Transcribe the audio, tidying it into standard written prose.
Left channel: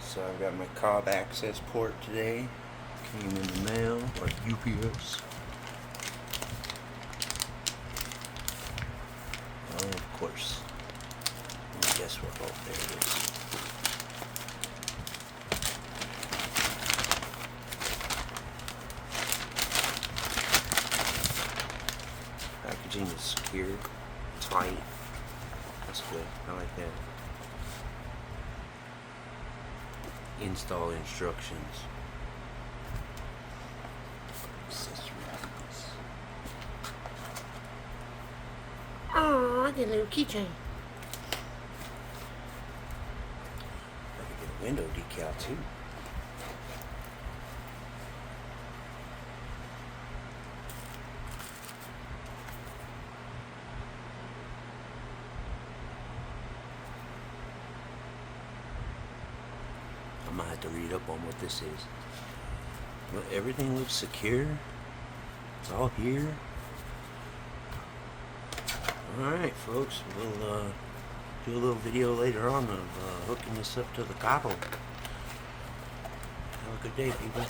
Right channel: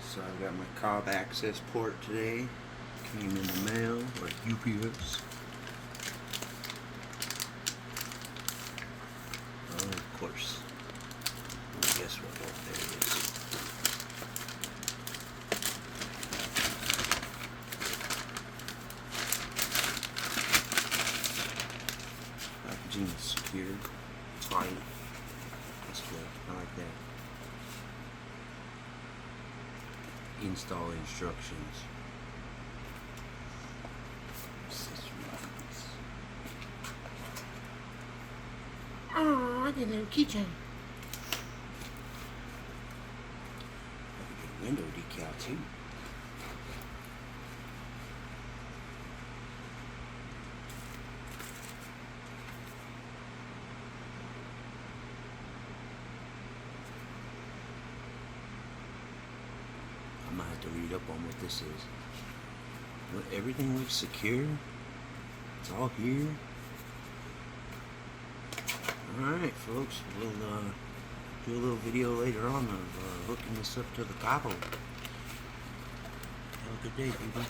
So I got my Cobb access port today. Came in the mail, like UPS. Oh, of course. Guess what? Oh, there it is. Packaging is secure, tight. That's good. I like that. Install instructions. Oh, I get a little keychain. I can get a window decal too. I might have to read up on what this is. But everything looks secure. It's all here. Alright folks, we'll do a little video later on of hooking this up to the Cabo. Have a good day, people.